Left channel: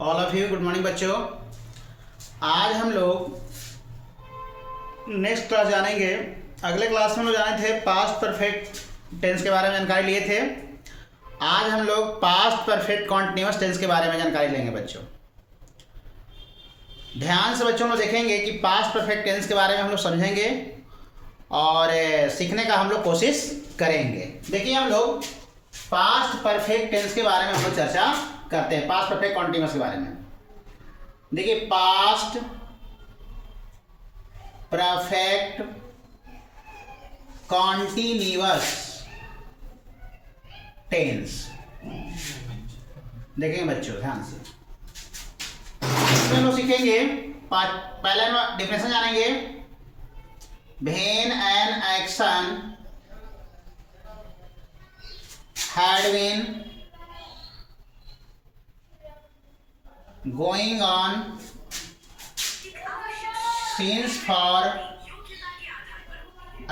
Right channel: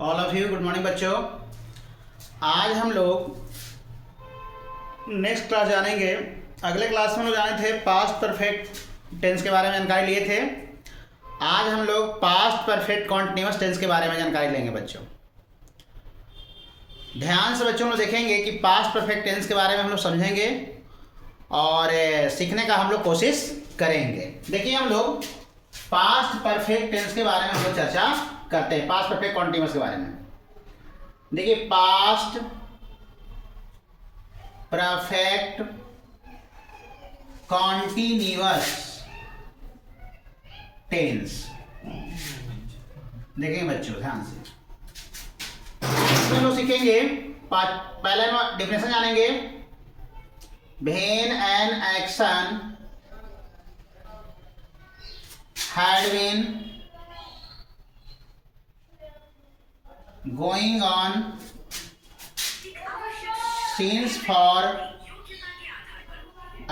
All of you good morning बच्चों। आज हम लोग नेक्स्ट क्लास जानेंगे। अगले क्लास में हम लोग जाने थे पास्ट परफेक्ट टेंस के बारे में जानकारी लिए थे। आज हम लोग पास्ट परफेक्ट कॉन्टिन्यूअस टेंस के बारे में जानकारी लेंगे बच्चों। ध्यान से बच्चों लोग देखेंगे कि पास्ट परफेक्ट टेंस के बारे में हम लोग समझेंगे और सीखने का हम लोग कोशिश करेंगे। देखिए हम लोग पास्ट परफेक्ट टेंस के बारे में हम लोग चर्चा करते हैं, पास्ट परफेक्ट कॉन्टिन्यूअस के बारे में। देखिए पास्ट परफेक्ट कॉन्टिन्यूअस टेंस देखेंगे बच्चों ध्यान से। इसमें लोग सीखेंगे, पहले डिफिनेशन जानेंगे। When an action had been going on since for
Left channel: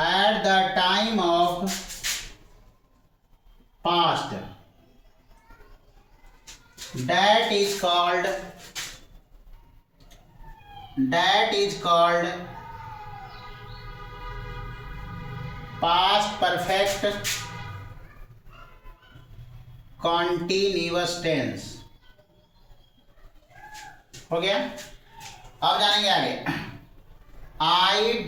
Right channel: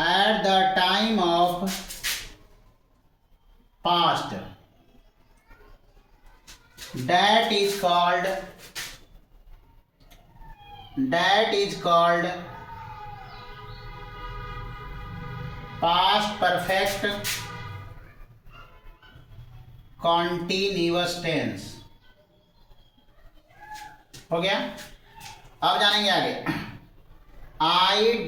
at the time of past, that is called past perfect continuous tense. हो गया। अब जानेंगे आगे। IDENTIFICATION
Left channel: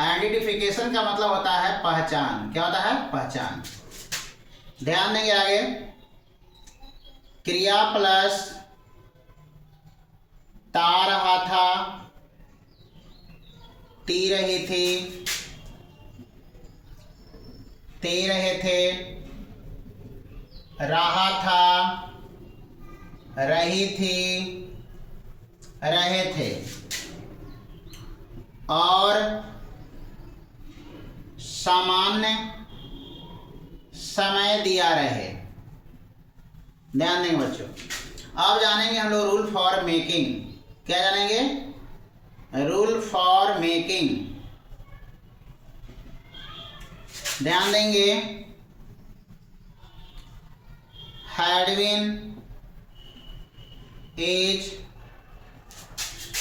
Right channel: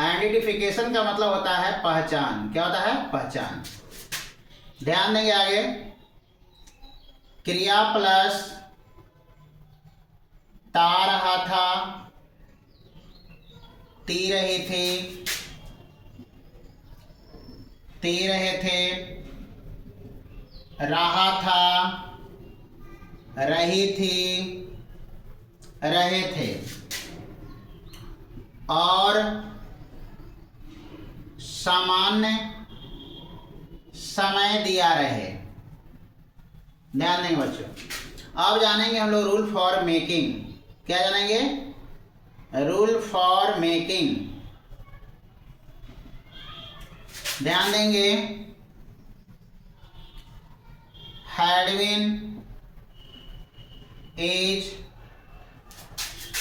आइडेंटिफिकेशन का मतलब होता है पहचान। क्या होता है? पहचान। ध्यान देंगे आगे। क्रिया प्लस ता रहा था, ती रही थी, ते रहे थे, रहा था, रही थी, रहे थे और सामान्य समय दिया रहे। ध्यान देंगे बच्चों। अब जानेंगे हम लोग रूल फॉर मेकिंग। क्या जानेंगे? Rule for making. ध्यान देंगे। had been is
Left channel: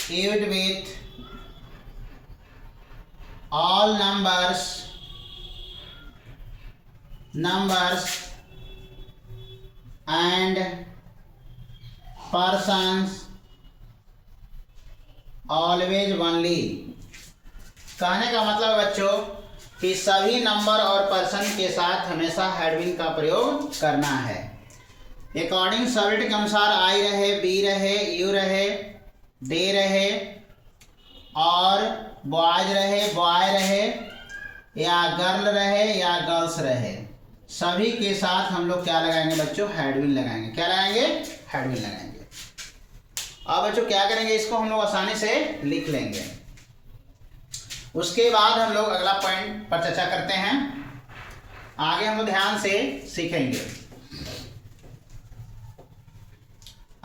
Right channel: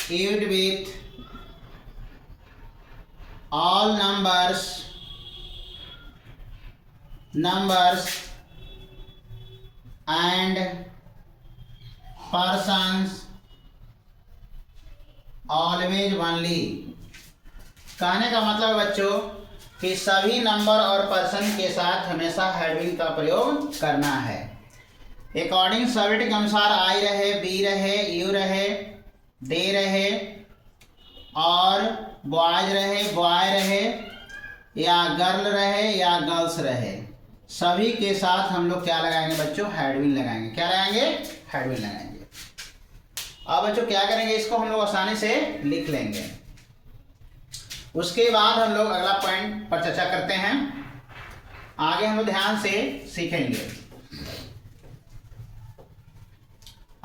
used with all numbers and persons always only। कहने का मतलब बच्चों कि सभी नंबर और पर्सन के साथ हमेशा हैड बीन का प्रयोग करना है। अकॉर्डिंग सब्जेक्ट के अनुसार आई रहे, बी रहे, यू रहे, दे रहे और बॉयज रहे, बॉय रहे या गर्ल रहे या गर्ल्स रहे, सभी के साथ हम लोग क्या लगाएंगे बच्चों? हैड बीन लगाएंगे। क्या लगाएंगे? हैड बीन लगाएंगे। अब बच्चों क्या करेंगे? इसको हम लोग आसानी से लिख लेंगे। उसके बाद हम लोग अगला पॉइंट पर चर्चा करते हैं। आगे हम लोग ध्यान से सीखेंगे।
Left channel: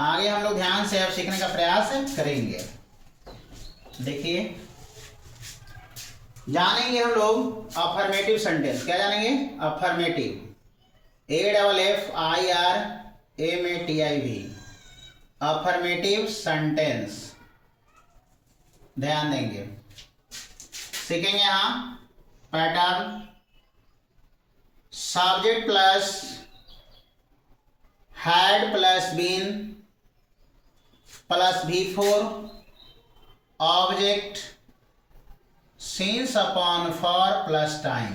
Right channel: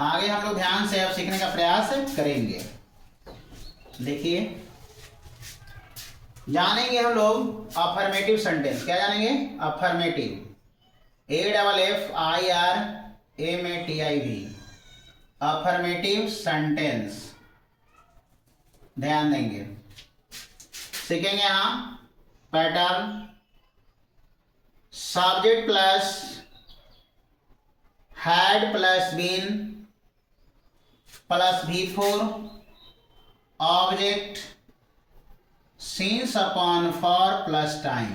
आगे हम लोग ध्यान से अब सीखने का प्रयास करेंगे। देखिए जानेंगे हम लोग अफर्मेटिव सेंटेंस। क्या जानेंगे? अफर्मेटिव। AFFIRMATIV affirmative sentence. ध्यान देंगे। सीखेंगे यहाँ pattern. Subject plus had plus been plus V4 object since upon for plus time.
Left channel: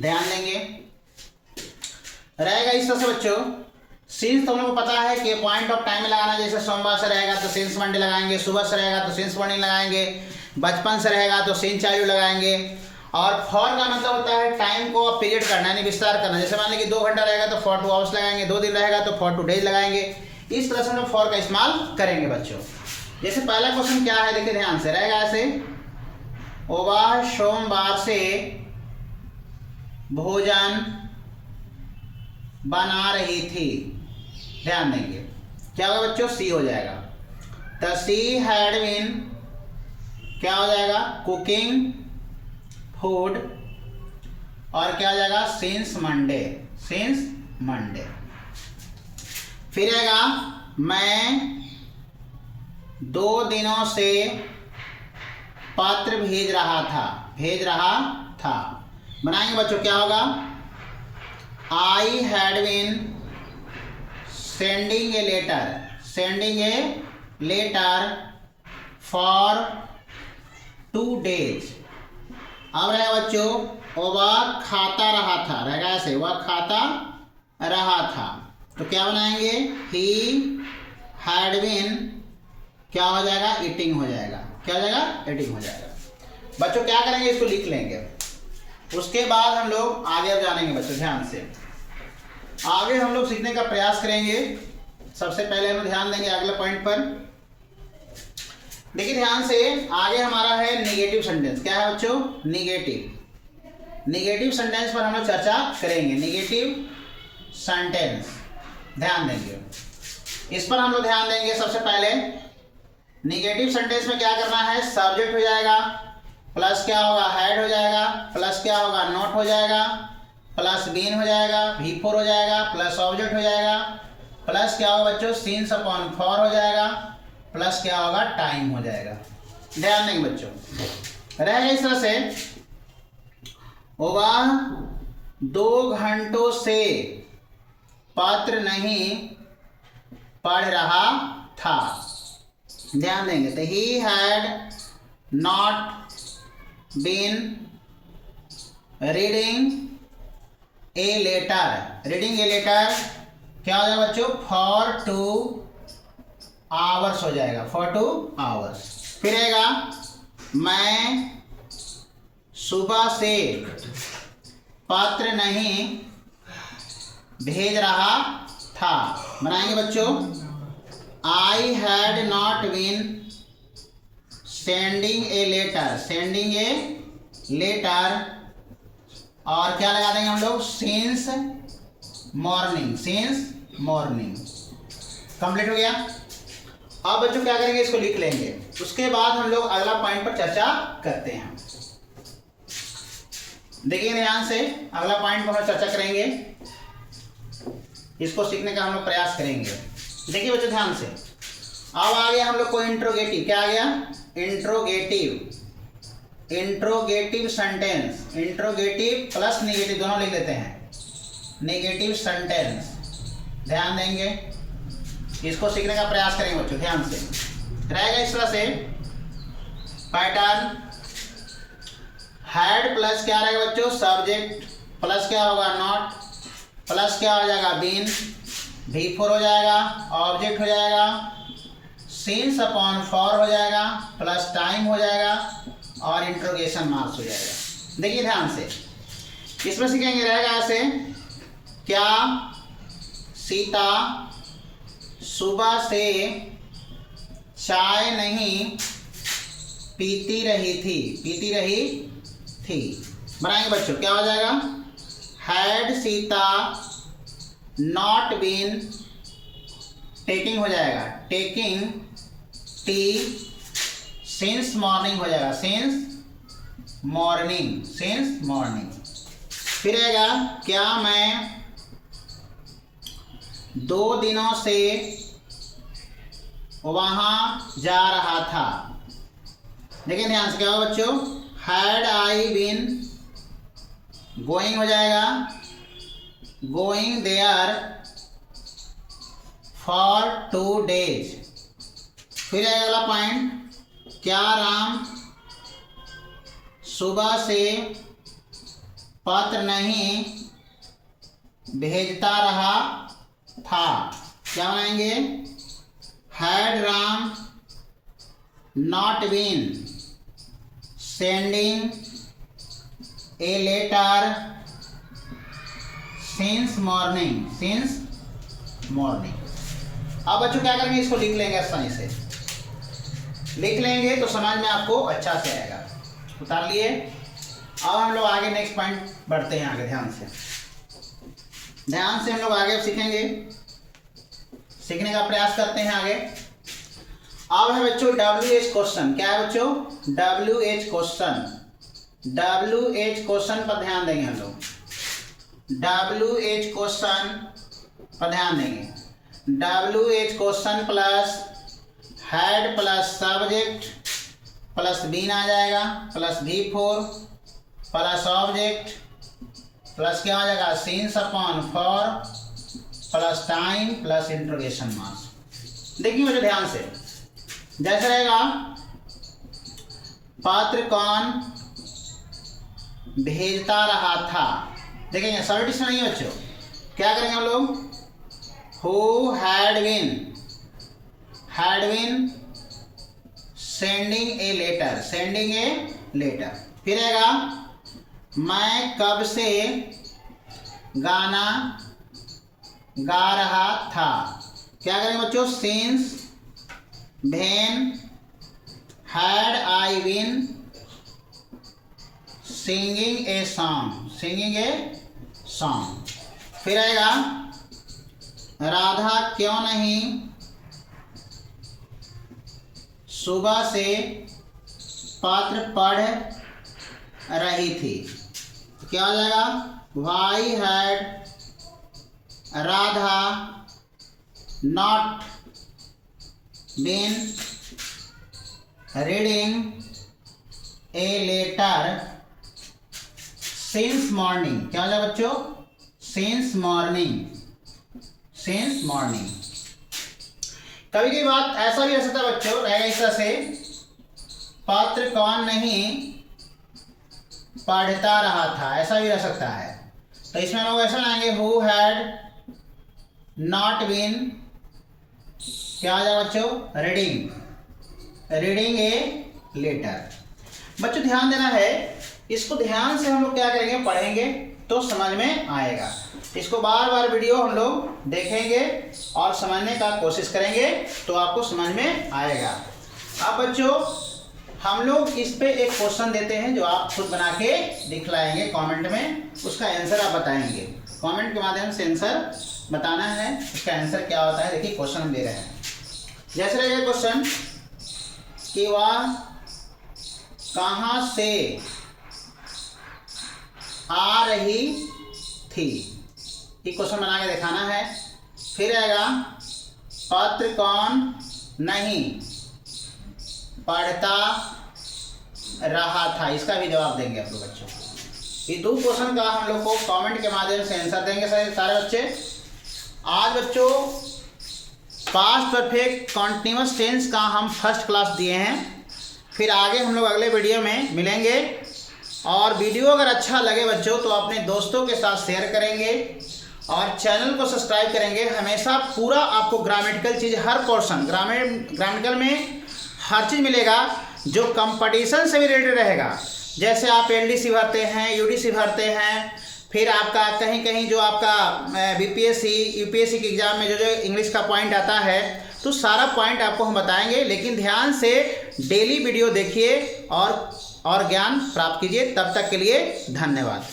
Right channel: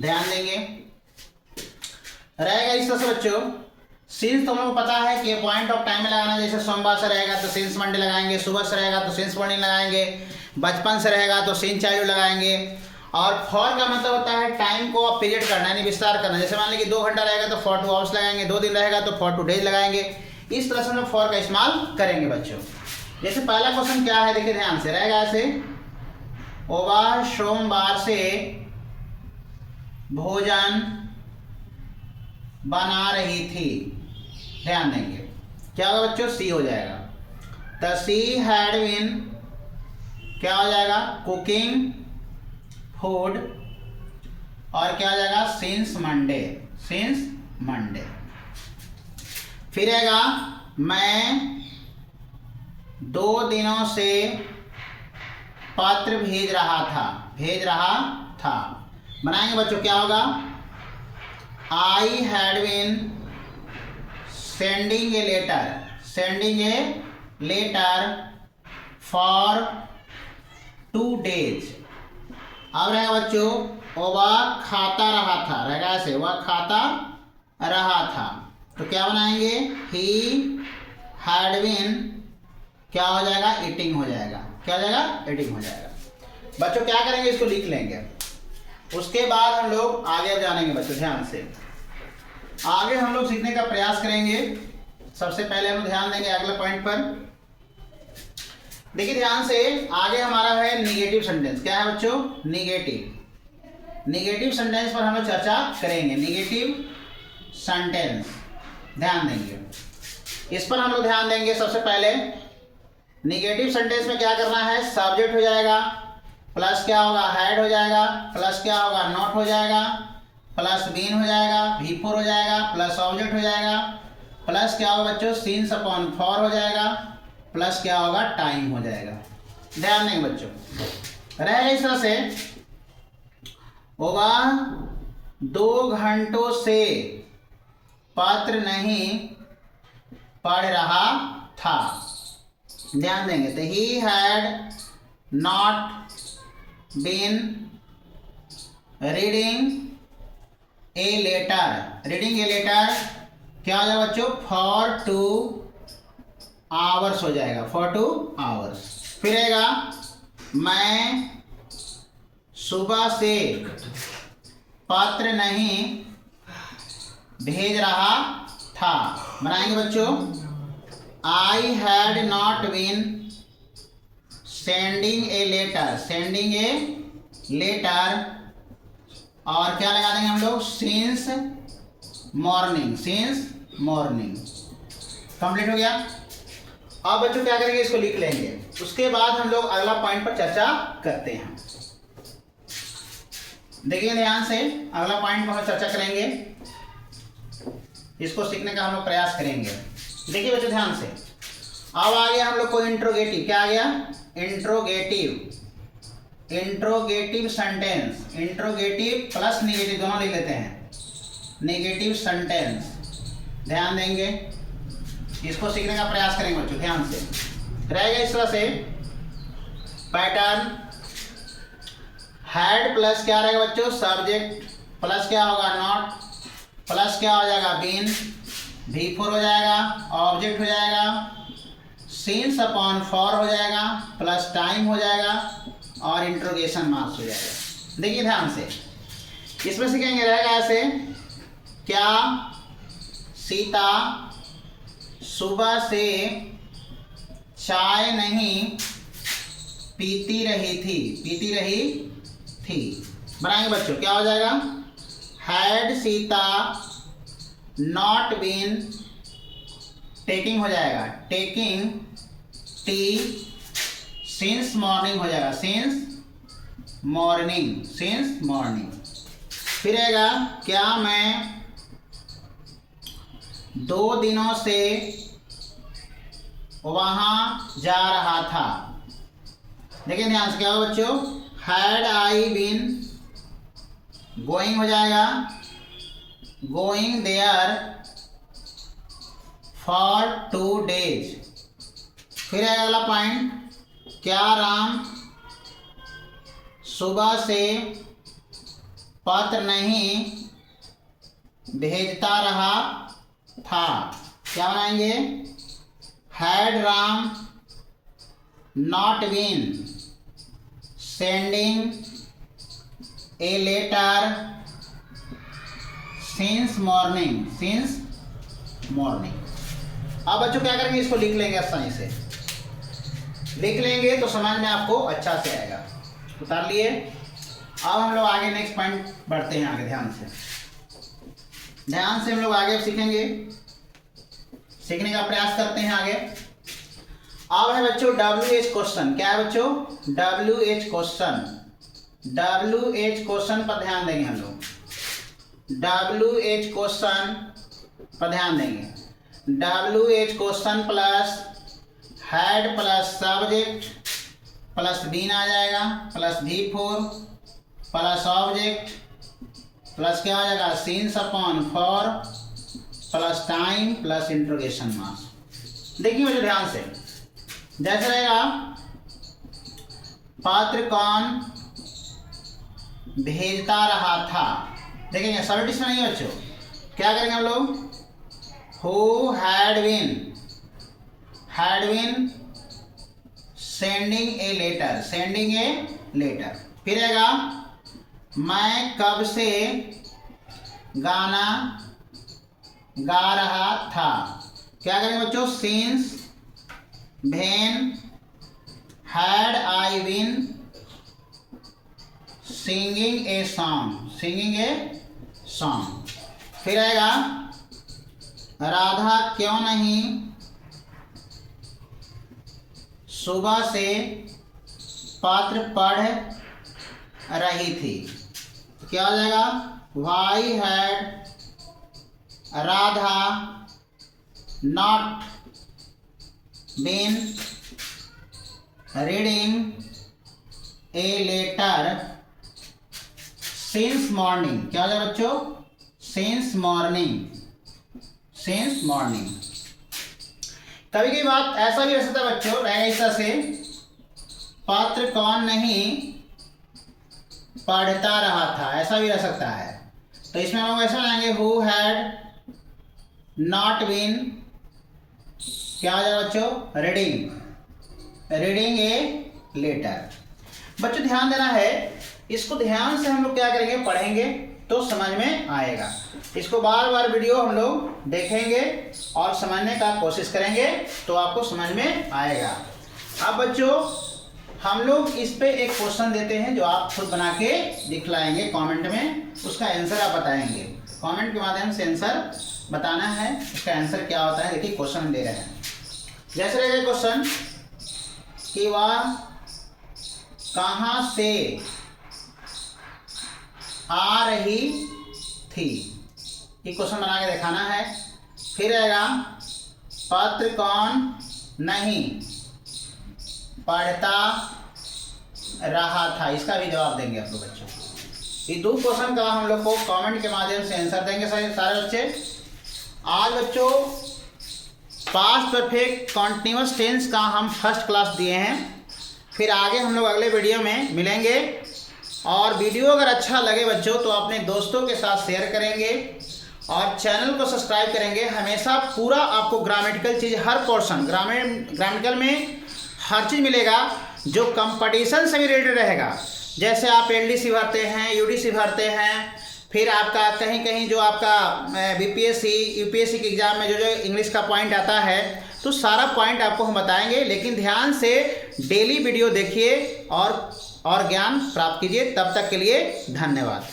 ध्यान देंगे। रहेगा इस तरह से बच्चों। सिंस तो हम लोग को पता है कि पॉइंट ऑफ टाइम में लगाना। जैसे सोमवार से रहेगा तो सिंस मंडे लगाएंगे, सुबह से रहेगा तो सिंस मॉर्निंग लगाएंगे, बचपन से रहेगा तो सिंस चाइल्डहुड लगाएंगे। और फॉर का मतलब होता है टाइम को पीरियड करना, यानी विस्तार करना। जैसे मान लीजिए 2 घंटा रहेगा तो फॉर 2 आवर्स लगाएंगे, 2 दिन रहेगा तो फॉर 2 डेज लगाएंगे। इस तरह से हम लोग फॉर का इस्तेमाल करेंगे बच्चों। जैसे पहला क्वेश्चन क्या है देखिए ध्यान से। रहेगा ऐसे, वह सोमवार से भोजन बना रही थी। ध्यान देंगे क्या होगा बच्चों? सी हो जाएगा। द सी हैड बीन क्या हो जाएगा? कुकिंग फूड और क्या हो जाएगा सिंस मंडे, सिंस मंडे। फिर आएगा मैं 2 दिनों से पत्र भेज रहा था, भेज रहा था। बनाएंगे बच्चों, क्या होगा, I had been sending a letter, sending a letter for 2 days। अब रहेगा बच्चों, वह खाता रहा था, रहेगा ऐसे, वह खाता रहा था। तो क्या बनाएंगे, ही हैड बीन, क्या हो जाएगा, ईटिंग हो जाएगा, क्या हो जाएगा, ईटिंग हो जाएगा। बच्चों क्या करेंगे, इसको लिख लेंगे। उसके बाद हम लोग आगे अब जानेंगे बच्चों, ध्यान से आगे हम लोग सीखने का प्रयास करेंगे। सबसे पहले हम ध्यान देंगे अगले पॉइंट पर। देखिए ध्यान से, आगे हमारा है निगेटिव सेंटेंस। क्या है बच्चों, निगेटिव। निगेटिव सेंटेंस पर हम लोग चर्चा करेंगे। निगेटिव सेंटेंस ध्यान देंगे, इस पर हम लोग ध्यान देंगे। सबसे पहले निगेटिव सेंटेंस में क्या करना है, सब्जेक्ट हो जाएगा, प्लस क्या होगा, हैड हो जाएगा, प्लस क्या होगा, नॉट हो जाएगा, प्लस बीन हो जाएगा, V4 हो जाएगा, प्लस ऑब्जेक्ट हो जाएगा, प्लस क्या होगा बच्चों, सीन्स अपॉन फॉर हो जाएगा, प्लस क्या होगा, टाइम हो जाएगा। ध्यान देंगे बच्चों, रहेगा इस तरह से, वह 2 घंटों से पत्र नहीं पढ़ रहा था। ध्यान देंगे, तो he had not been reading a letter, reading a letter क्या हो जाएगा बच्चों, फॉर 2 hours हो जाएगा, फॉर 2 hours। फिर आएगा मैं सुबह से पत्र नहीं भेज रहा था। बनाएंगे बच्चों, I had not been sending a letter, sending a letter, और क्या लगा देंगे हम लोग, since morning, since morning. Complete हो गया। अब बच्चों क्या करेंगे, इसको लिख लेंगे। उसके बाद हम लोग अगला पॉइंट पर चर्चा करते हैं। देखिए ध्यान से, अगला पॉइंट पर हम चर्चा करेंगे, इसको सीखने का हम लोग प्रयास करेंगे। देखिए बच्चों ध्यान से, अब आ गया हम लोग को इंट्रोगेटिव। क्या आ गया, interrogative, interrogative sentence. Interrogative plus negative दोनों लिख लेते हैं, निगेटिव सेंटेंस। ध्यान देंगे, इसको सीखने का प्रयास करेंगे बच्चों, ध्यान से। रहेगा इस तरह से पैटर्न, हैड प्लस क्या रहेगा बच्चों, सब्जेक्ट, प्लस क्या होगा, नॉट, प्लस क्या हो जाएगा, बीन, V4 हो जाएगा, ऑब्जेक्ट हो जाएगा, सीन्स अपॉन फॉर हो जाएगा, प्लस टाइम हो जाएगा, और इंट्रोगेशन मार्क्स हो जाएगा। देखिए ध्यान से, इसमें सीखेंगे, रहेगा ऐसे, क्या सीता सुबह से चाय नहीं पीती रही थी, पीती रही थी। बनाएंगे बच्चों, क्या हो जाएगा, had Sita not been taking हो जाएगा, टेकिंग टी सिंस मॉर्निंग हो जाएगा, सिंस मॉर्निंग, सिंस मॉर्निंग। फिर आएगा, क्या मैं 2 दिनों से वहां जा रहा था। देखिए ध्यान से, क्या होगा बच्चों, हैड आई बीन, गोइंग हो जाएगा, गोइंग देयर फॉर 2 days। फिर आएगा अगला पॉइंट, क्या राम सुबह से पत्र नहीं भेजता रहा था। क्या बनाएंगे, had Ram not been sending a letter since morning, since morning. अब बच्चों क्या करेंगे, इसको लिख लेंगे आसानी से। लिख लेंगे तो समझ में आपको अच्छा से आएगा। उतार लिए। अब हम लोग आगे नेक्स्ट पॉइंट बढ़ते हैं आगे। ध्यान से हम लोग आगे सीखेंगे, सीखने का प्रयास करते हैं आगे। अब है बच्चों WH क्वेश्चन। क्या है बच्चों, WH क्वेश्चन। WH क्वेश्चन पर ध्यान देंगे हम लोग। WH क्वेश्चन पर ध्यान देंगे। WH question plus head plus subject plus been आ जाएगा plus V4 plus object plus क्या आ जाएगा since upon for plus time plus interrogation marks. देखिए मुझे ध्यान से, जैसे रहेगा पत्र कौन भेजता रहा था। देखेंगे सब्जेक्ट में नहीं बच्चों, क्या करेंगे हम लोग, who had been sending a letter. फिर आएगा मैं कब से गाना गा रहा था। क्या करेंगे बच्चों, since when had I been singing a song. फिर आएगा राधा क्यों नहीं सुबह से पत्र पढ़ रही थी। क्या हो जाएगा, why had Radha not been reading a letter since morning. क्या हो जाएगा बच्चों, सिंस मॉर्निंग। कभी की बात ऐसा भी हो सकता है बच्चों, रहेगा इस तरह से, पत्र कौन नहीं पढ़ता रहा था, ऐसा भी रह सकता है। तो इसमें लोग ऐसा लाएंगे, हु हैड नॉट बीन, क्या आ जाएगा बच्चों, रीडिंग ए लेटर। बच्चों ध्यान देना है, इसको ध्यान से हम लोग क्या करेंगे, पढ़ेंगे तो समझ में आएगा। इसको बार बार वीडियो हम लोग देखेंगे और समझने का कोशिश करेंगे तो आपको समझ में आएगा। अब बच्चों हम लोग इस पे एक क्वेश्चन देते हैं जो आप खुद बना के दिखलाएंगे कमेंट में, उसका आंसर आप बताएंगे। कमेंट के माध्यम से आंसर बताना है, उसका आंसर क्या होता है। देखिए क्वेश्चन दे रहे हैं, जैसे रहेगा क्वेश्चन कि वह कहाँ से आ रही थी, ये क्वेश्चन बना के दिखाना है। फिर आएगा पत्र कौन नहीं पढ़ता रहा था, इसका भी जवाब देंगे आप लोग बच्चों। ये दो क्वेश्चन का हम लोग को कमेंट के माध्यम से आंसर देंगे सारे बच्चे। आज बच्चों पास्ट परफेक्ट कॉन्टिन्यूअस टेंस का हम फर्स्ट क्लास दिए हैं। फिर आगे हम लोग अगले वीडियो में मिलेंगे, और वीडियो अगर अच्छा लगे बच्चों तो अपने दोस्तों के साथ शेयर करेंगे और चैनल को सब्सक्राइब करेंगे। हमेशा पूरा आपको ग्रामेटिकल चीज़, हर पोर्शन ग्रामेटिकल में हर चीज़ मिलेगा जो कंपटीशन से भी रिलेटेड रहेगा। जैसे आप एलडीसी भरते हैं, यूडीसी भरते हैं, फिर आपका कहीं कहीं जो आपका बीपीएससी यूपीएससी के एग्ज़ाम में जो इंग्लिश का पॉइंट आता है, तो सारा पॉइंट आपको हम बताएंगे। लेकिन ध्यान से डेली वीडियो देखिए और ज्ञान प्राप्त कीजिए। तब तक के लिए धन्यवाद।